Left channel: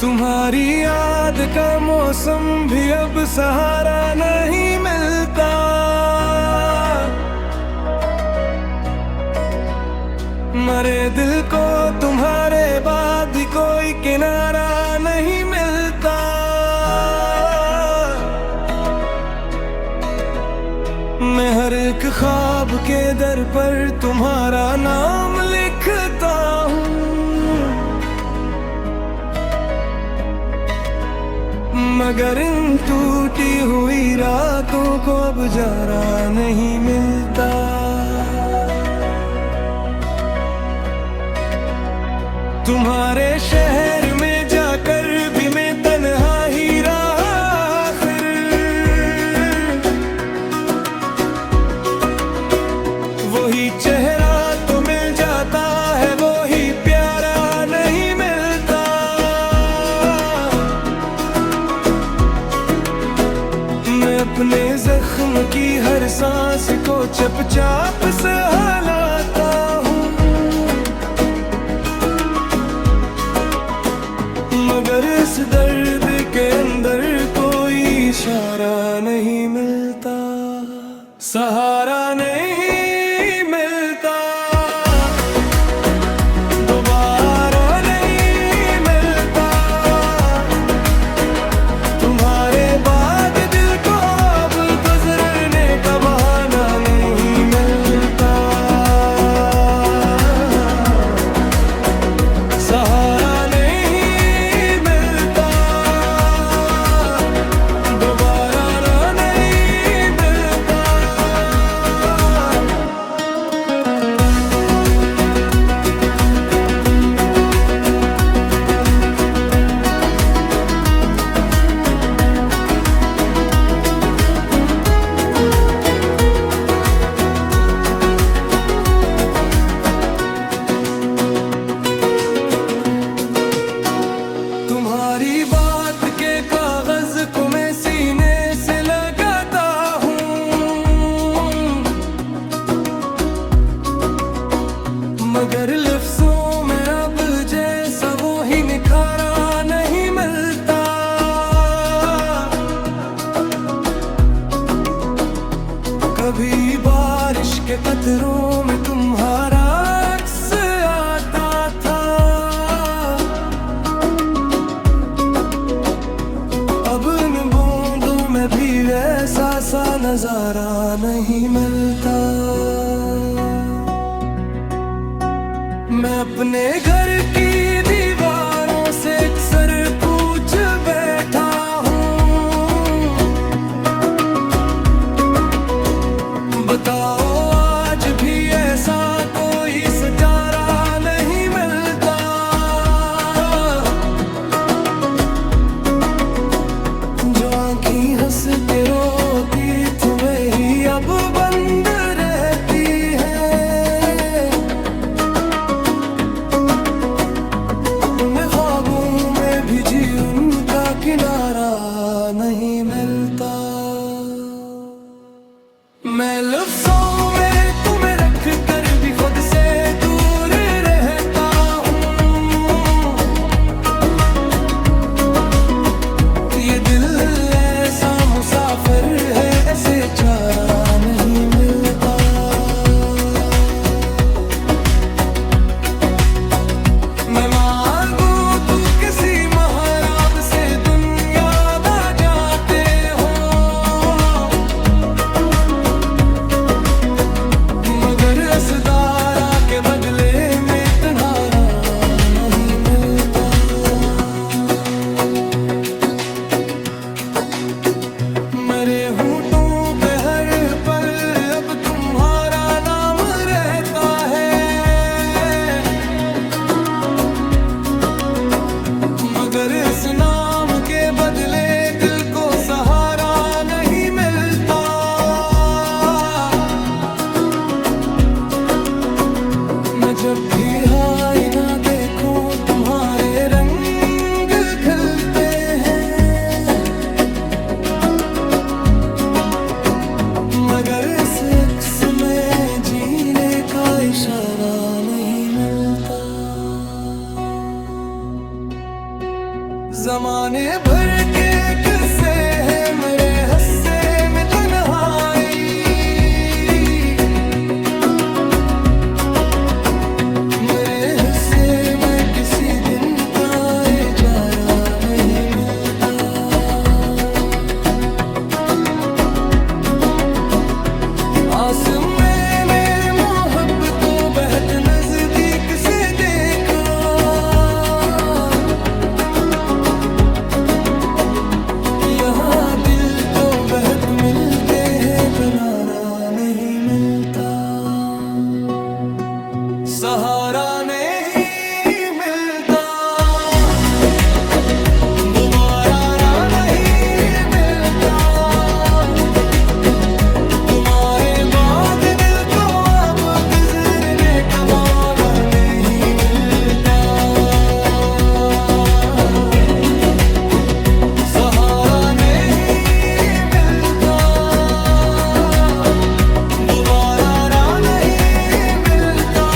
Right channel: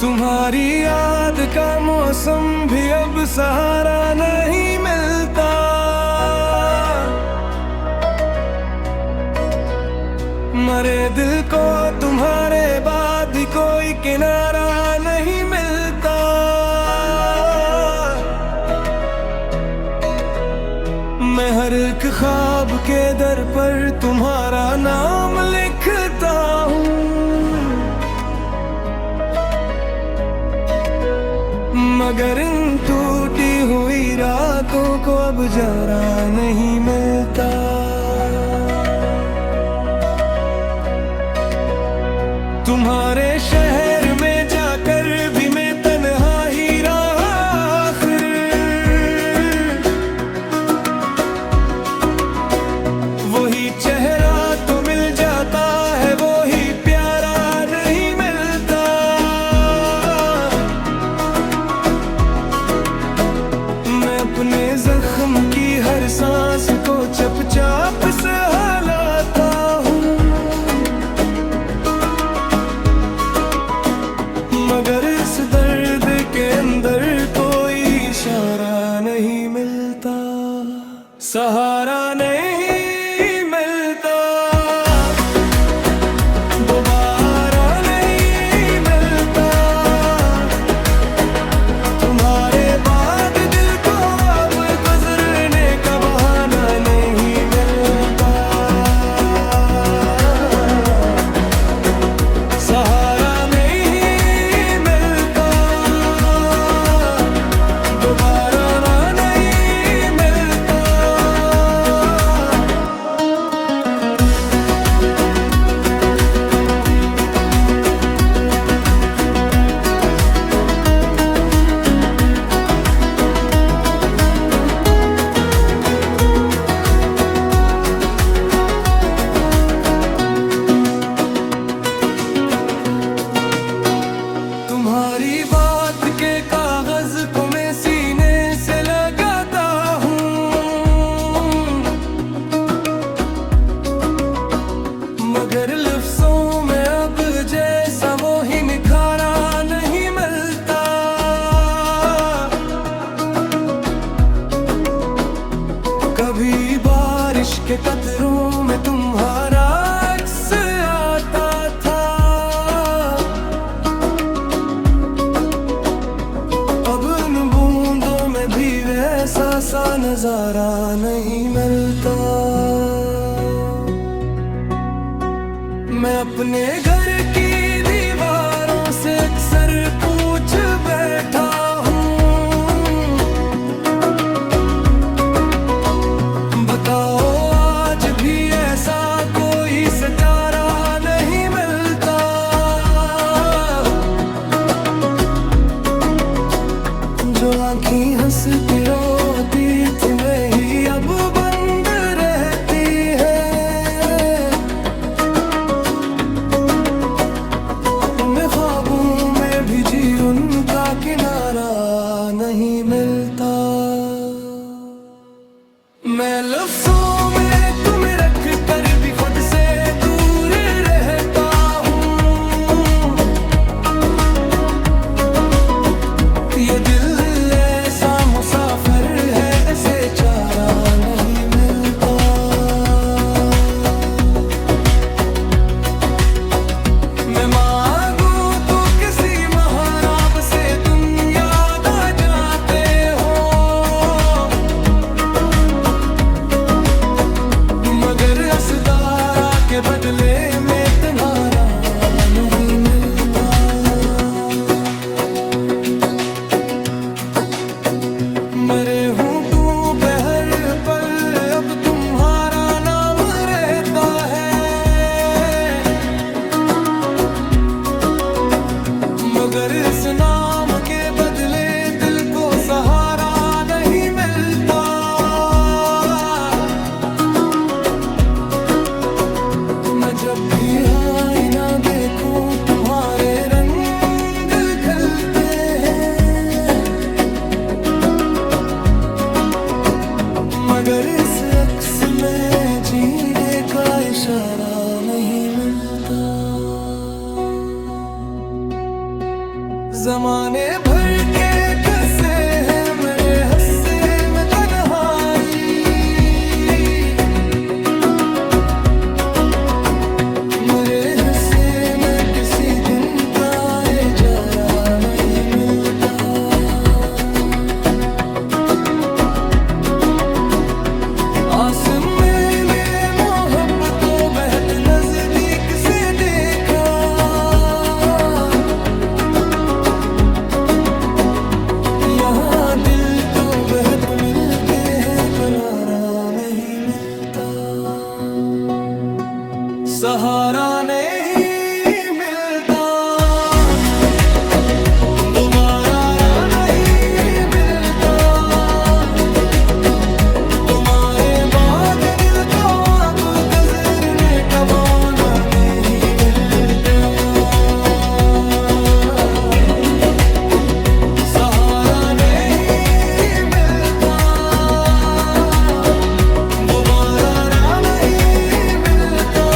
तुम्हारी याद का मौसम भी अब सहारा नहीं मिलता। मरे दिल को तुम्हारे बाद भी कोई किनारा नहीं मिलता। मैं हर एक ख्वाब के दर पर तुम्हारा नाम लिखता हूँ, मगर इन टूटी हुई रातों को अब जरा नहीं मिलता। तुम्हारे शहर में जाकर भी मैं तन्हा ही रहा आखिर। वही चेहरा तो मिल जाता है, वो ही प्यारा नहीं मिलता। मैं अपने जख्म की हर सांस को चुपचाप सहलाता हूँ, मगर इस दर्द के अंदर कोई इशारा नहीं मिलता, सहारा नहीं मिलता, दोबारा नहीं मिलता। तुम्हारे बाद दिल को अब गुजरने का बहाना नहीं मिलता, सहारा तुम्हारी बात के कागज को मैं सीने से लगाता हूँ, मगर लफ्जों में अब जैसा वो ही निखारा नहीं मिलता। कभी बारिश के कतरों में तुम्हारा अक्स आता था, अब इन बूंदों में भी वैसा सा नजारा नहीं मिलता। मैं अपने घर की दीवारों से अक्सर पूछ बैठा हूँ, बताओ आज भी ऐसा कोई सितारा नहीं मिलता। जो आँखें हंस के रोती थी वही अब बंद रहती है, उन्हें ख्वाबों में भी जी उनका किनारा नहीं मिलता। मैं लफ्जों में तुम्हें रख कर भी खुद से दूर रहता हूँ, ये दिल ऐसा मुसाफिर है, ऐसे चारा नहीं मिलता। मैं मांगू तू किसी महराब से दुनिया दा जाते हो, मगर असदारा के बदले में तुम्हारा नहीं मिलता। मरे होठों पे हर पल अब तुम्हारा नाम रहता है, मगर इस नाम के बदले दिल को सहारा नहीं मिलता। मैं जब भी आईना देखूं तुम्हारे रंग खिलते हैं, मगर इस अक्स में जीने का इशारा नहीं मिलता। जमाने भर के किस्से हैं मेरे हस्से में तन्हाई, मेरे हिस्से में किसी दिन का इजारा नहीं मिलता। आसमां में मोहब्बत को बहुत नजदीक से देखा, यहाँ दिल तो बहुत मिलते हैं करारा नहीं मिलता, सहारा नहीं मिलता, दोबारा नहीं मिलता, तुम्हारे बाद दिल को अब गुजरने का बहाना नहीं मिलता, सहारा नहीं मिलता, दोबारा नहीं मिलता।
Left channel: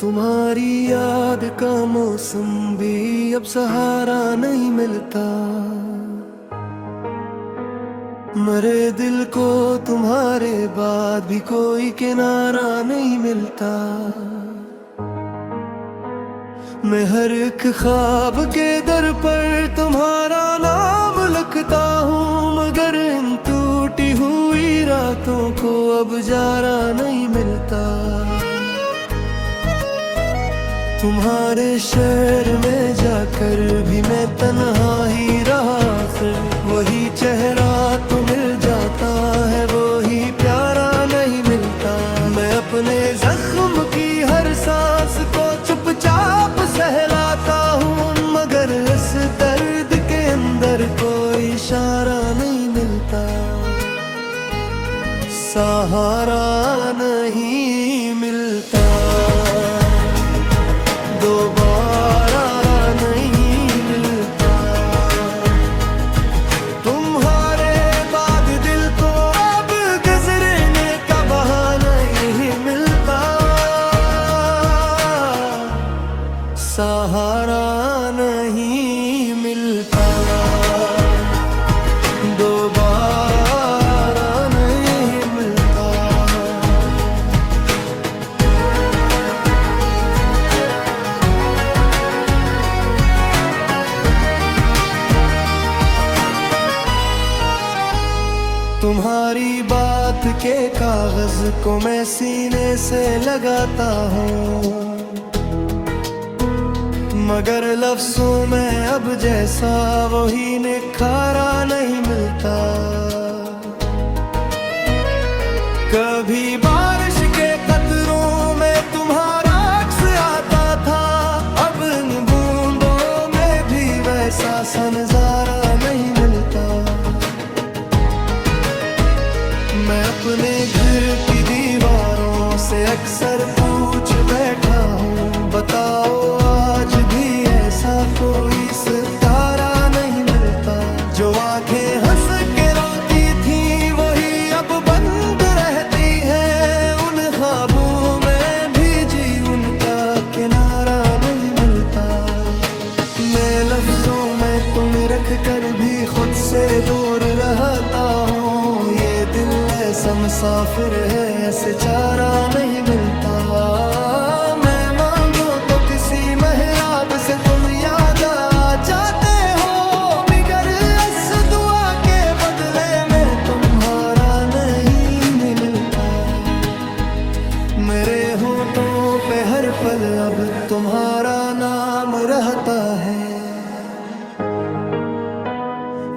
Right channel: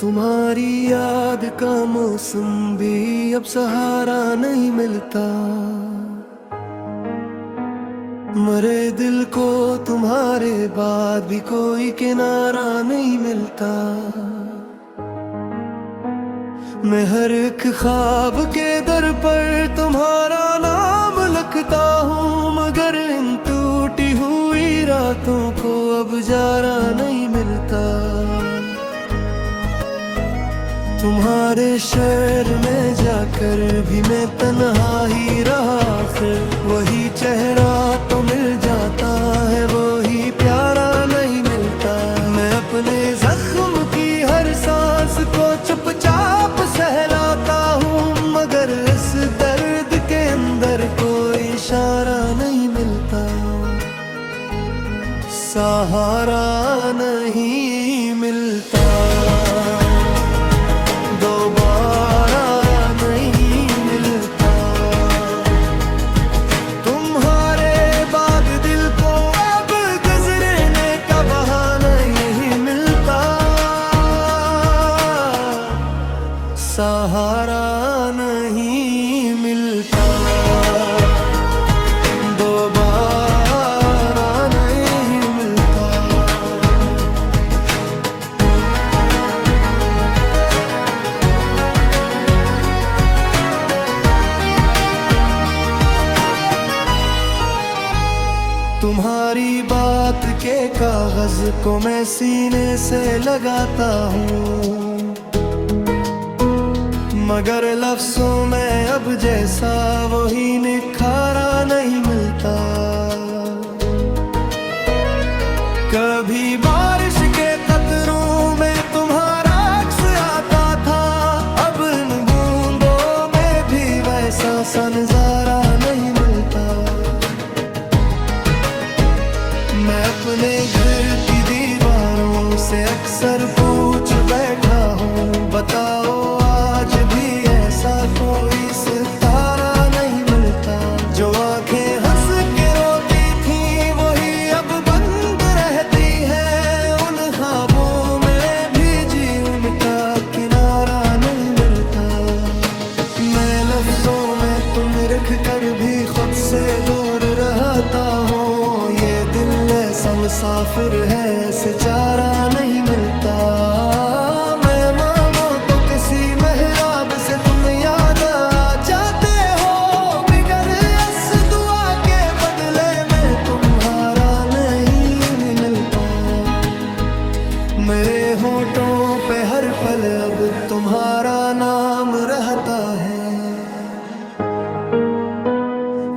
तुम्हारी याद का मौसम भी अब सहारा नहीं मिलता, मरे दिल को तुम्हारे बाद भी कोई किनारा नहीं मिलता। मैं हर एक ख्वाब के दर पर तुम्हारा नाम लिखता हूँ, मगर इन टूटी हुई रातों को अब जारा नहीं मिलता। तुम्हारे शहर में जाकर भी मैं तन्हा ही रहा, फिर वही चेहरा तो मिल जाता है, वही प्यारा नहीं मिलता। मैं अपने जख्म की हर सांस को चुपचाप सहलाता हूँ, मगर इस दर्द के अंदर कोई इशारा नहीं मिलता, सहारा नहीं मिलता, दोबारा नहीं मिलता। तुम्हारे बाद दिल को अब गुजरने का बहाना नहीं मिलता, सहारा नहीं मिलता, दोबारा नहीं मिलता। तुम्हारी बात के कागज को मैं सीने से लगाता हूँ, मगर लफ्जों में अब जैसा वही निखारा नहीं मिलता। कभी बारिश के कतरों में तुम्हारा अक्स आता था, अब इन बूंदों में भी वैसा सा नजारा नहीं मिलता। मैं अपने घर की दीवारों से अक्सर पूछ बैठा हूँ, बताओ आज भी ऐसा कोई सितारा नहीं मिलता। जो आंखें हंस के रोती थी वही अब बंद रहती है, उन ख्वाबों में भी जी उनका किनारा नहीं मिलता। मैं लफ्जों में तुम रख कर भी खुद से दूर रहता हूँ, ये दिल ऐसा मुसाफिर है ऐसे चारा नहीं मिलता। मैं मांगू तो किसी मेहराब से तुम याद आ जाते हो, मगर इस दुआ के बदले में तुम्हारा नहीं मिलता। मेरे होठों पे हर पल अब तुम्हारा नाम रहता है,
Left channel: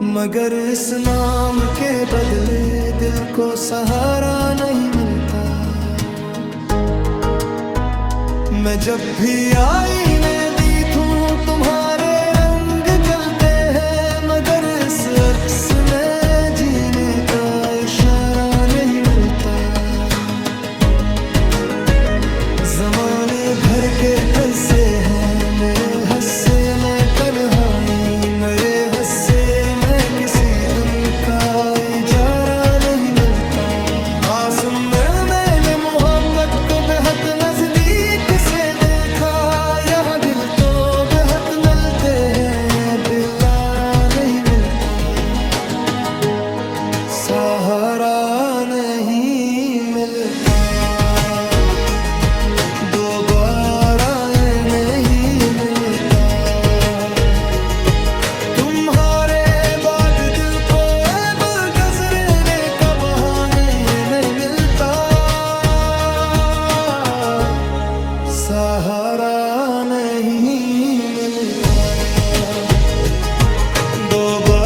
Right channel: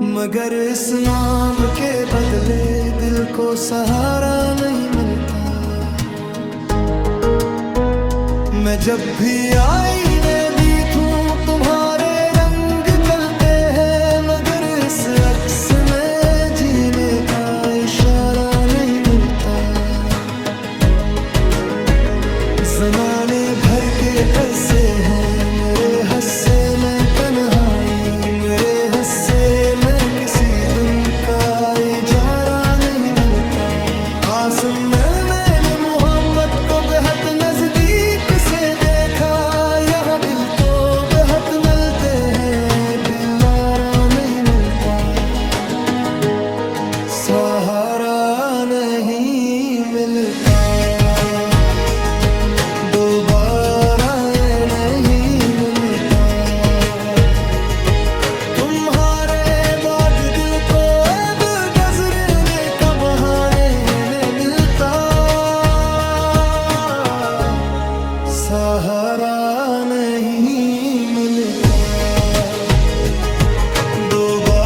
मगर इस नाम के बदले दिल को सहारा नहीं मिलता। मैं जब भी आईने देखूं तुम्हारे रंग खलते हैं, मगर इस अक्स में जीने का इशारा नहीं मिलता। जमाने भर के अरसे हैं मेरे हस्से में तन्हाई, मेरे हस्से में किसी दुम का इजारा नहीं मिलता। आसम में मैंने मोहब्बत को बेहद नजदीक से देखा, यहाँ दिल तो बेहद मिलते हैं, दिलारा नहीं मिलता, सहारा नहीं मिलता। दोबारा ये नहीं मिलता, तुम्हारे बाद दिल को अब गुजरने का बहाने नहीं मिलता, सहारा नहीं मिलता। दोबारा